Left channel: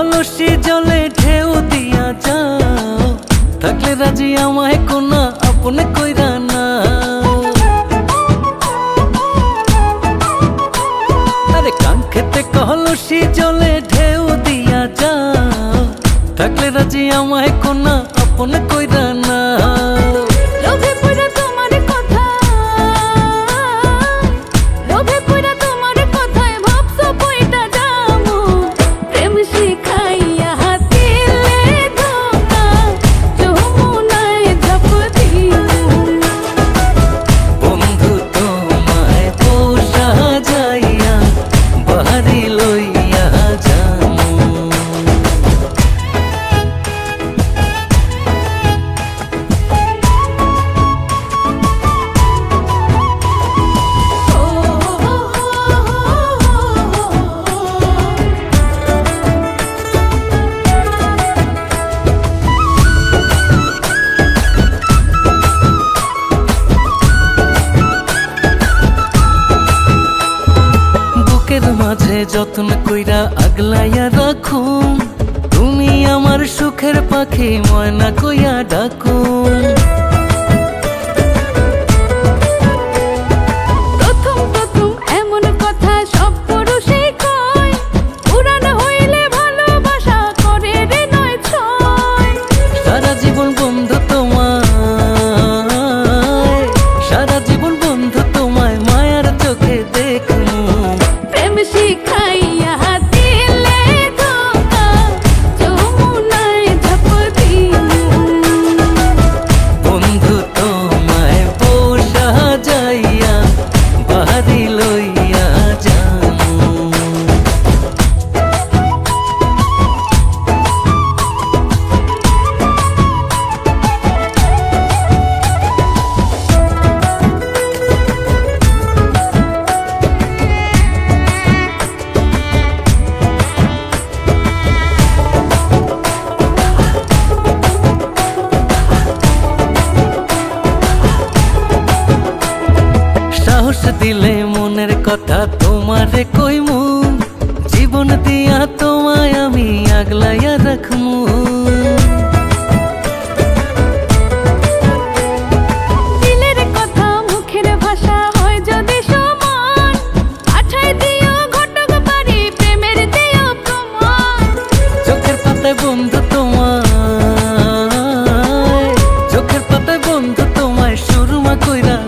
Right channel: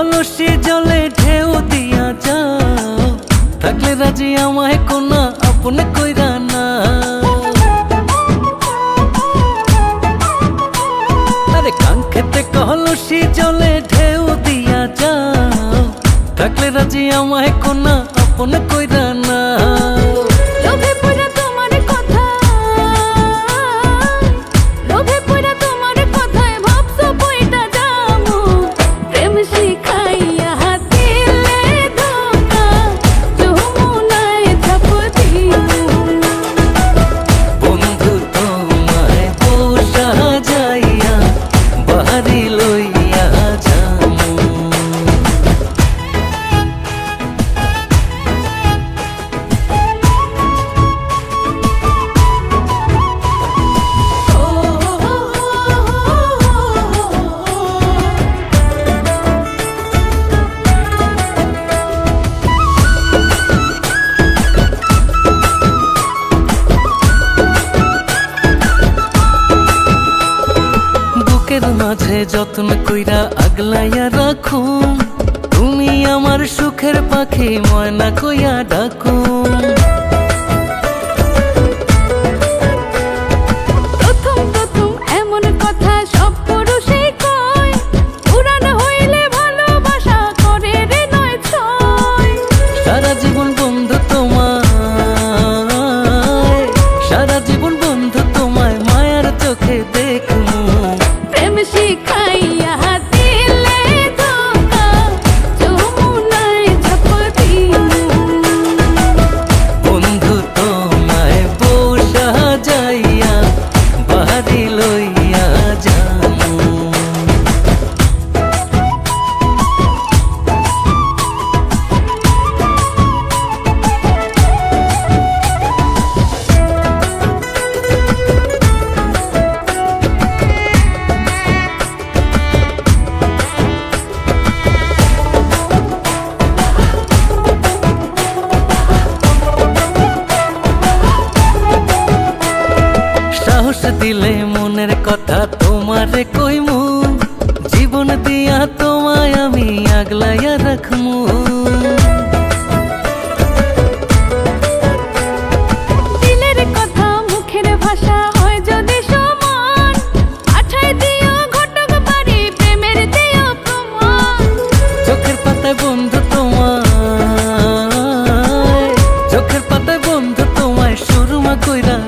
কলসি জলে ঢেউ দিয়া যাও। থাকলে রাজি আমায় কোনা, আপনে কইরা না আরে কাঙ্ক্ষেতে কলসি জলে ঢেউ দিয়া যাও। থাকলে রাজি আমায় কোনা, আপনে কইরা না লোভে বুকের মাঝে যত্ন কইরা আগলাইয়া রাখুম। তুমি আমার সুখের পাখি ময়না কইয়া ডাকুম। প্রথম প্রথম এমন কথা সব পুরুষই কয়। পুরান হইলে ভালোবাসা করে রে নয় ছয়। সারা জীবন বন্ধু তোমায় সারা জীবন বন্ধু তোমায় মায়ার চোখে দেখমু। শিখাইয়া দিলে ধোকা যমুনায় ঝাঁপ বন্ধু তোমায় বসা যাইয়া বাড়ি লইয়া সাহস দিলে মনের কথা তোমারে কইমু। জীবন দিয়া তোমায় আমি আগলাইয়া রাখমু। দিলের কথা মুখের ভাষা হয় যদি সমান। পাঠাই দিও ঘটক বাড়ি প্রেমের দিও প্রমাণ। চোখের পাতায় বন্ধু তোমায় চোখের পাতায় বন্ধু তোমায় সুরমা কইরা